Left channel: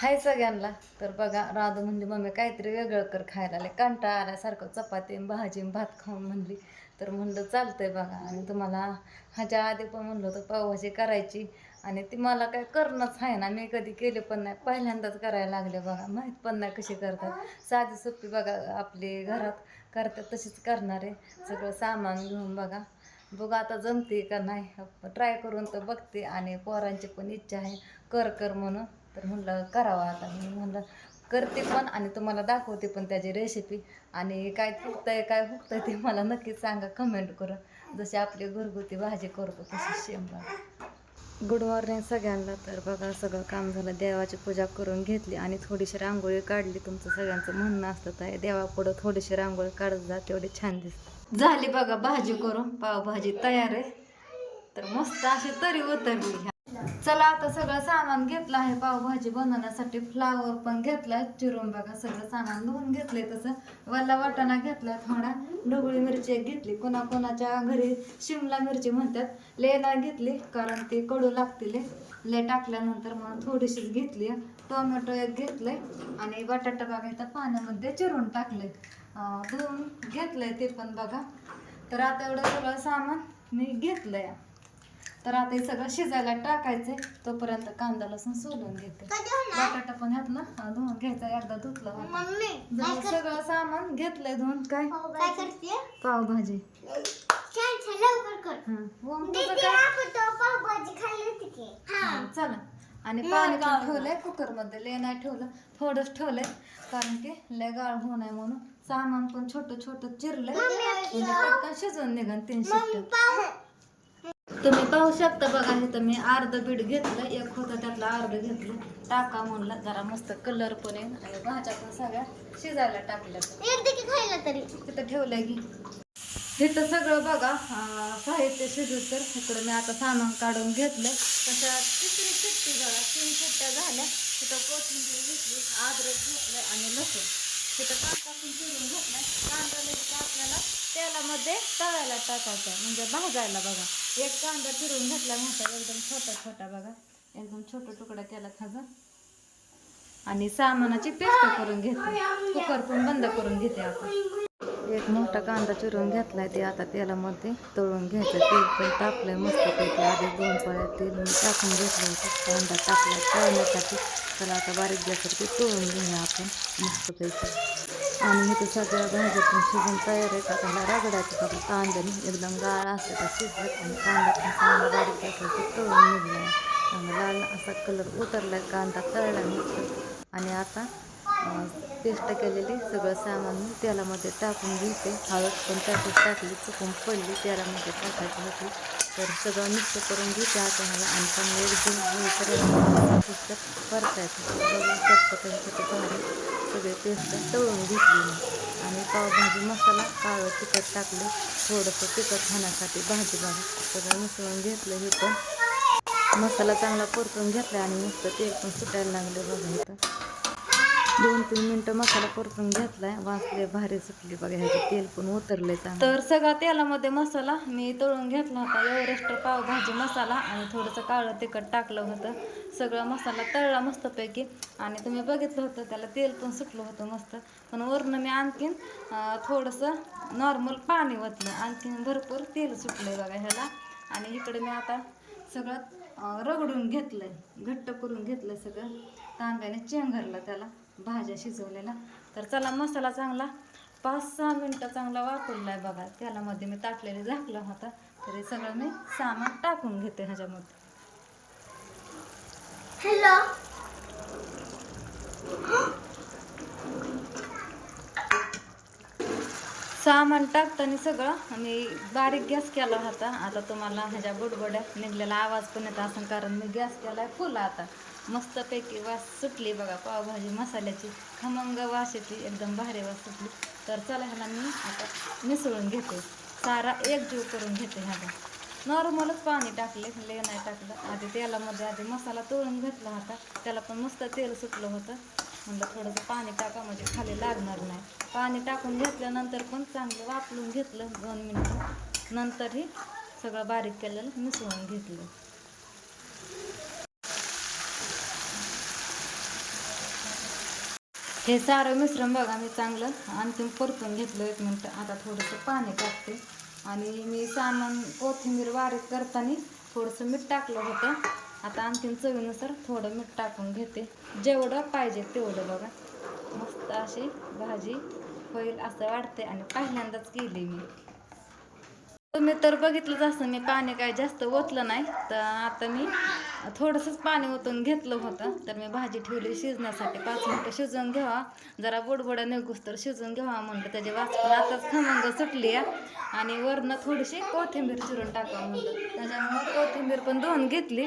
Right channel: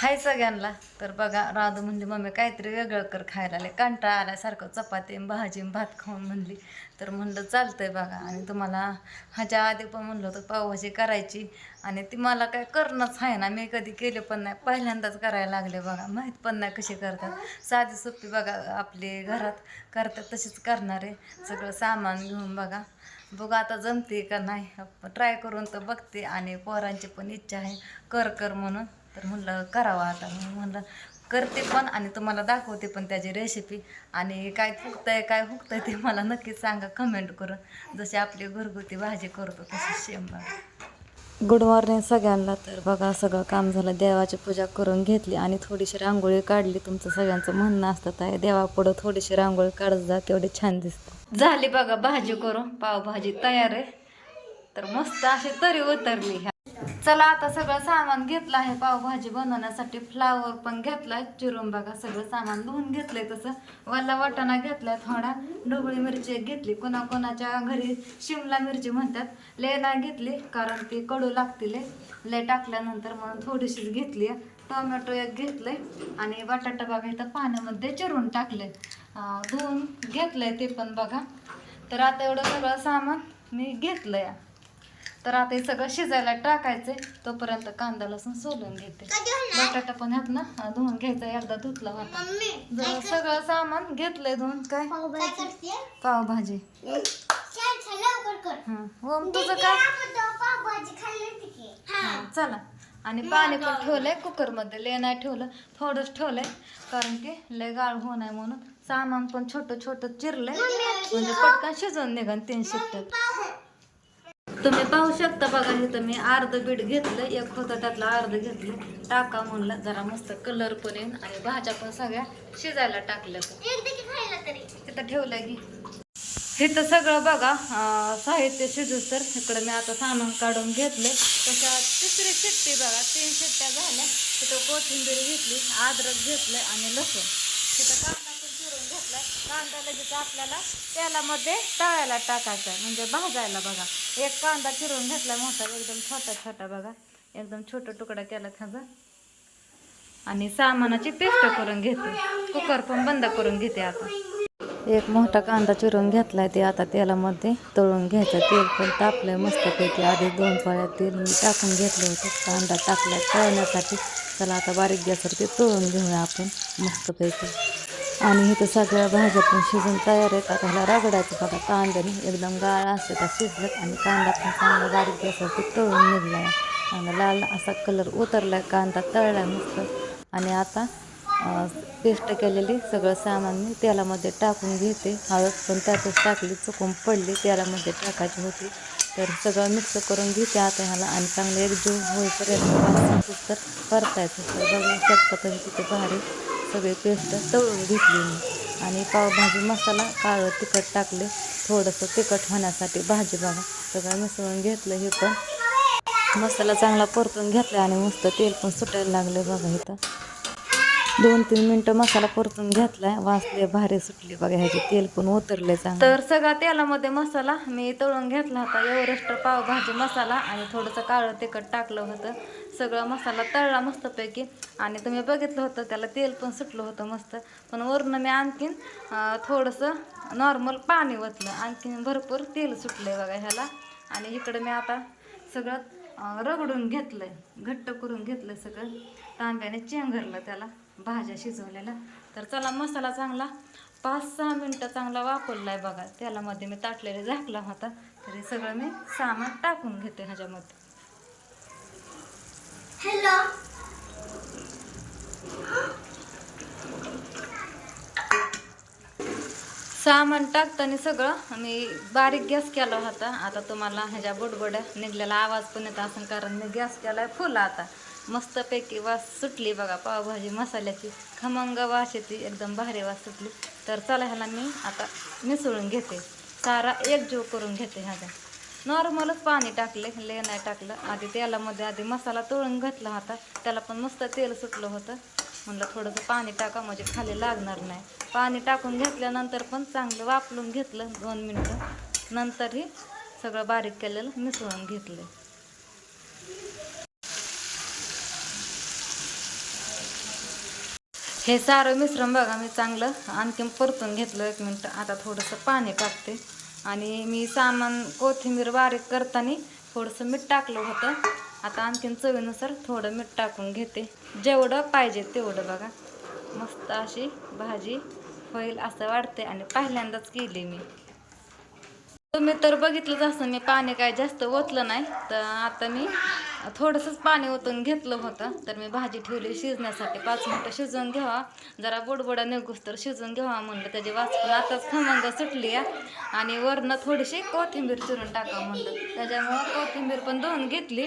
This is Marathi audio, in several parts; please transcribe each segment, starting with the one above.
हाय सगळ्यांना. तर बघा राधू म्हणली मम्मी काहीतरी वेगळं कर खायला. आले कंटाळा आल्यासारखं चपाती भाजी भात खाऊन म्हणली. तर म्हणलं चालतंय बघा. आणि तुम्हाला ह्याच्या आधी पण म्हणलं होतं पावभाजी करायची. आणि ती मला काय करणंच आहे ना मी कधी केले पण नाही. पहिल्यांदाच करायला लागले बघा. माहीत पण नाही कशी करतात. साधी सोपी बघा आपली घरात करतात तशीच करणार आहे. सगळं सामान घेऊन बघा. बघू आता जमते का नाही. ट्राय करून तर बघते. आणि पोरांची पण इच्छा आहे. कर कर म्हणून. तर म्हणलं करावं आता. मी म्हणलं करते पण आणि तुम्हाला दाखवते पण त्याची रेसिपी आणि काय फुकतंय काय हुकतंय ते मला नक्कीच सांगा. कमेंट करून. जशी आपली घरगुती भाजी करतो तशी शेम बघा गुड मॉर्निंग सगळ्यांना. तर बघा सगळं काम झालं. देवाची पूजा करून घेतली आणि थोडीशी रांगोळी काढली. तुमचं सगळ्यांचं म्हणणं असतं आहे देवापुढं थोडीशी रांगोळी काढत जा तेवढी छान दिसते. झाली बघा भाजी करून. पावभाजी तयार आहे. तर मस्त अशी तरी उतरली. ह्या चला आता सगळं सामान घेतलं आहे. पावभाजी बनवण्यासाठी फ्लावर पण घेतलाय चिरून बघा सगळं सामान धुवून घेतलंय तसं. वल्ला वाटाणा घेतलाय थोडा. ढोबळी मिरची एक घेतली. कोणा कोणाच्या घरी शिमला मिरची म्हणतात. ले नाही घेतली कारण ती कडू लागतील. ले टाकल्यानंतर म्हणून थोडीशीच घेतली. टोमॅटो एक घेतलंय. आणि बटाटा बघा इथं पाण्यामध्ये चिरून टाकले धुवून घेतलंय ते पण बघा. तर आता एवढं सगळं सामान मी घेतलंय. तर आता हे सगळं शिजायला टाकायचंय. तोपर्यंत कांदा लसूण सोलून घेते. बटाटा पण ह्यात ना धुवून घ्यायचा एकदा धुतला होता सगळं सामान घेतलंय धुवून काय? पावभाजी. हं. ओम तुझं काय? हं, चला. आणि पाणी पण ठेवलंय कुकरमध्ये. लय नाही ठेवलं थोडंच ठेवलंय. कारण की लय गाळ होऊ नये म्हणून. सामान पण छोटं छोटं चिरलंय म्हणजे पटकन शिजवून निघन तीन शिट्ट्यात तुम्ही पाहू शकता बघा इथं मी अर्ध बीट घेतलं एक होतं त्यातलं अर्ध घेतलं. टाका म्हणलं जरा मस्त कलर पण येईन. आणि भाज्या पण सगळ्या शिजायला टाकलं तरी तिथं ठेवलंय की. इथं सगळं बघा साहित्य शिजूस तर इकडं मी आता सामान काढून घेतलं तशा तिसरी शिट्टी बघा तीन शिट्ट्या झाल्या. तिथं कोथिंबीर घेतली अद्रक घेतलं आणि लसूण. तिथं कांदा पण चिरून घेतलाय. कांदा लगेच आपल्याला तेलामध्ये तळायला टाकायचा आहे म्हणजे भाजायला बघा. एक कांदा चिरून घेतलाय मोठा एकदम छोटा छोटा बघा. एकदम छोटा तुकडा केला खाजा आणि सामानाची पेस्ट करून घेते. कुकर पण बंद करून घेते आता. एक मोठा कांदा चिरून घेतलाय ते आता तेलामध्ये तळून घ्यायचं. तेल पण तापलंय मस्तपैकी. आधी दोन पळ्या तेल मी टाकून घेतलं होतं. कांदा टाकला तळण्यासाठी. चला आता बारीक गॅसवरती तळून घेऊया आपण मस्तपैकी आणि इथे सगळ्या भाज्या पण शिजून तयार आहेत. आता ह्याला रगडायचं बघा कांद्याने एकदम गाळ असतो का शिजत आणि कांदा पण चांगला बारीक गॅसवरती तळून निघला आणि लाल असा कलर उतरला कांदा तळला मस्त. आणि आता पेस्ट केलेली सगळं सामान मी तेलामध्ये टाकून घेते. हळद पण त्यातच टाकली चुकून पडली तेलामध्ये टाकायची होती. तर सगळं मिक्स करून घेते आता ह्याला आणि चांगलं एकजीव होईपर्यंत. कुकर परतायचं. बघू शकता तिथे भारी सगळे पेस्ट तळून घेतली मी. आणि पावभाजी मसाला काळं तिखट टाकलं. थोडंसं तिखट होण्यासाठी भाजी बघा. सगळं मिसळून घेतलं हे पण. मसाला चांगला परतून घेतला आणि मस्त तेल पण सुटायला लागलं बघा इथं. दोन तीन मिनटं मसाला परतून घेतलाय. वाचले भारी सुटली बघा. ह्याचे तेल पण उतरले तर सगळा तेलामध्ये मसाला मी तळून घेतला होता. एवरेस्ट पावभाजी मसाला आणि थोडंसं काळं तिखट टाकलं होतं. सगळा मसाला तळला मस्तपैकी. आणि तुम्ही बघितलं होतं त्याला तेल पण सुटलं होतं मस्त. पण वरून मी आणखीन थोडंसं नॉर्मल पाणी ओतलं. आणखीन भरपूर तेल सुटलंय बघा ह्याला. आणि इकडं मी आता सगळं रगडून रगडून घेतलंय. घट्ट करून घेतलंय सगळं. तांब्याने चेंगरलं त्याला भाज्या शिजवलेल्या. तर चला मसाला चांगला पाच सहा मिनटं चांगला वापरलाय बघा. तेलामध्ये मी ताटलेलं झाकला होता. तरी सगळं मी सामान टाकून घेते ह्याच्यामध्ये. हॅलो सामान टाकताना सगळं मी बारीक गॅस केला होता. आता तुम्हाला ह्याच्या बुडबुड्या निघलेला आवाज पण येत असं कारण मी गॅस केलाय फुल आता. मस्तपैकी वास सुटली बघा पावभाजी मसाल्याची. खमंग वास येते एकदम भारी वास सुटली. तर चला ह्याला मी आता मिसळून घेते. सारा एकजीव करून घेते ह्याचा. नॉर्मलच पाणी टाकले ले नाही टाकलं. आधी तेलामध्ये आधी मसाला तळून घेतला होता. त्याला पण मस्त तेल सुटलं होतं. म्हणलं थोडंसं पाणी टाका म्हणजे खाली लागणार नाही. पाणी टाकून घेतल्यानंतर पण चांगलं वापरून घेतलं दोन मिनटं. नंतरही सगळं बारीक केलेलं मिसळून घेतलं हे सारं मिश्रण बघा मी चांगलं आणखीन परतून घेतलं एक मिनटं. आता थोडंसं पाणी टाकते. आणि मी सामान कोथिंबीर बारीक करताना थोडंसं मीठ टाकलं होतं. आता आणखीन चवीनुसार थोडं मीठ टाकून घेते. जेवढं पाहिजे तेवढं बघा. मस्त अशी भाजी होईल असं वाटते आणि पहिल्यांदाच केली मी. तुम्ही तर बघितलंच असं मी पाणी काय जास्त ओतलं नाही. तर आता मी थोडंसंच पाणी ओतून घेतलं होतं. तर मी भाजी ठेवली शिजण्यासाठी. पाच मिनटं शिजवून घ्यावा. जरा बुडबुडा निघूस तर शिजवून घ्यावा म्हणलं. त्याची वाचून पण आताच खमंग सुटली आहे. आणि वरनं थोडीशी कोथिंबीर चिरून टाकावं म्हणलं. त्याच्यामुळं कोथिंबीर पण धुवून घेतली.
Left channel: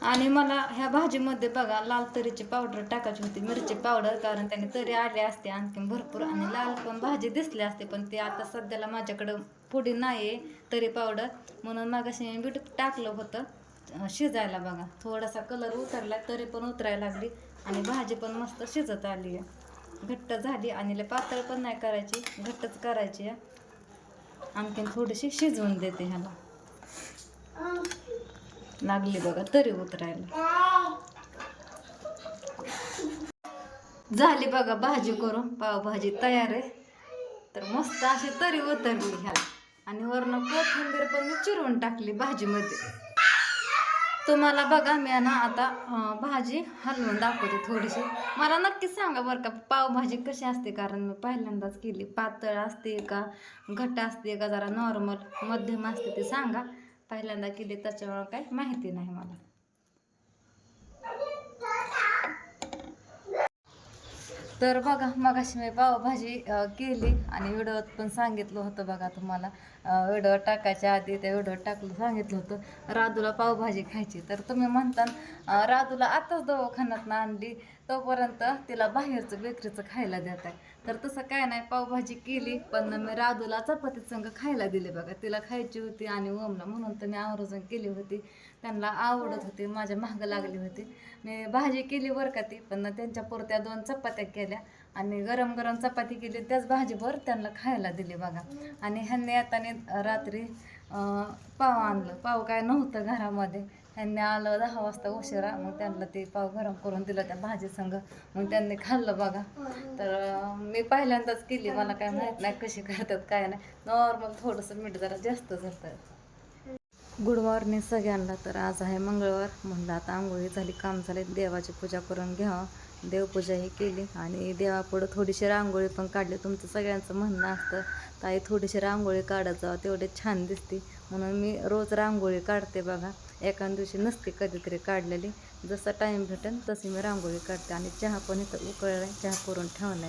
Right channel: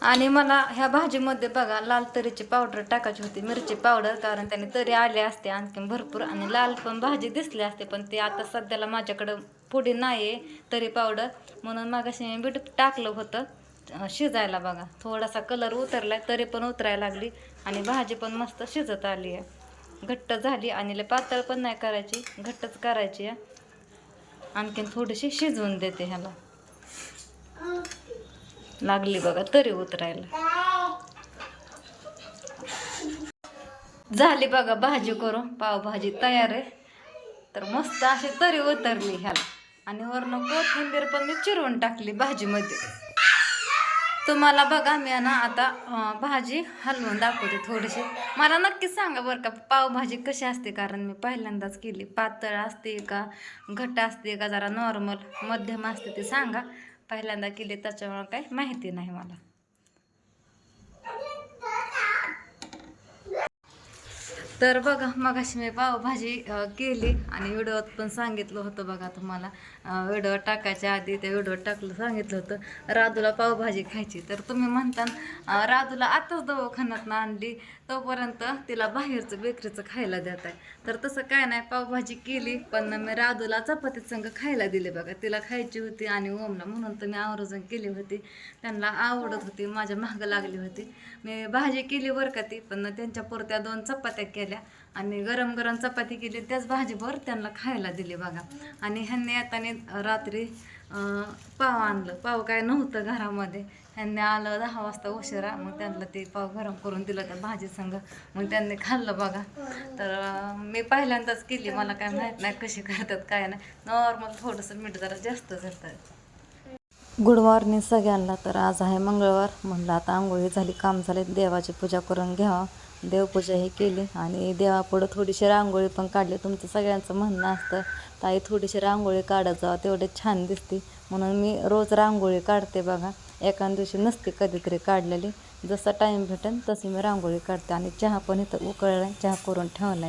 आणि मला ह्या भाजीमध्ये बघा लाल तरीची पावडर टाकायची होती. मिरची पावडर कारण त्याने तरी आले असते आणखीन भरपूर. आणि लाल पण भाजी दिसली असते पण ते आता सध्याला माझ्याकडं पुढे नाही आहे तरी पावडर म्हणून मागाशी मी बीट टाकलं होतं शिजायला बघा. थोडासा कलर उतरलाय तरी पण उतरायला लागली. आणि भाजी पण मस्त शिजत आली आहे घट्ट झाली आणि लय पातळ पण नाही करायची घट्टच करायची आहे. आणखीन थोडीशी शिजवून देते ह्याला. लागली बघा तरी उतरायला. झाली बघा भाजी करून पावभाजी तयार आहे. तर मस्त अशी तरी उतरली ह्याला. आणि वरनं कोथिंबीर पण मी चिरवून टाकली भाजीमध्ये. तुम्हाला बघा मी ना आता भाजी हलवून दाखवते थोडीशी. मला नक्की सांगा बरं का पावभाजी कशी असते? कारण मी पहिल्यांदाच केली. पातळ असते का? घट्ट असते का? जरा नॉर्मल मध्यम असते ते सांगा. पहिल्यांदा केली त्याच्यामुळं काही माहिती नाही मला. तर बघा मगाशी मी पावभाजी केली आणि व्हिडिओत पण सांगितलं होतं बघा तुम्हाला. व्हिडिओ टाकायच्या आधी त्या व्हिडिओत टाकलं सांगितलं होतं राधूला पावभाजी खायची. तर तुम्ही म्हणता राधूला आताच दवाखान्यात आणली. तोपर्यंत तिला बाहेरचं बेकरीचं खायला देत आहे. तर तसं काय नाही पावभाजी केली पण मी राधूला चपातीत संग खायला दिले बघा. तिला खायची होती आणि ओमला म्हणून तर मी आवर्जून केली होती. त्यांना आवडत होती माझ्या मागं लागली होती. मी भाजी केली बरं का ती पण त्यांच्या पुरत्या दोन चपात्या केल्या. आणि गरम गरम चपाती केली त्याच भाजीवर त्यांना खायला दिली बघा. आणि ह्यांनी येताना रात्री पाव आणलं. पाव काय नव्हतं घरामध्ये. ह्यांनी आलं दहा वाजता उशिरा. मग त्यांना ते पाव गरम करून दिलं त्या भाजी संघ मग त्यांनी खाल्लं बघा. तर मी पहिल्यांदाच केली. मला काय माहीत नाही कशी करतात काय नाही. नॉर्मल थोडंसं मीठ जरा जास्त जातं गुड मॉर्निंग सगळ्यांना. तर आज आहे मंगळवार. म्हणलं आता आंघोळी झाली काम झाले. देवाची पूजा करून घ्यावं. देवपूजा ही केली. आणि देवापुढं थोडीशी रांगोळी पण काढली. तुमचं सगळ्यांचं म्हणणं असतं ताई थोडीशी रांगोळी काढत जावं. तेवढे छान दिसते. म्हणून मी रोज रांगोळी काढते बघा. एका दिवशी नसते कधीतरी काढलेली. जसा टाईम भेटेल तशी मी रांगोळी काढते आणि चहा पण इथं उकळला चहा करून ठेवला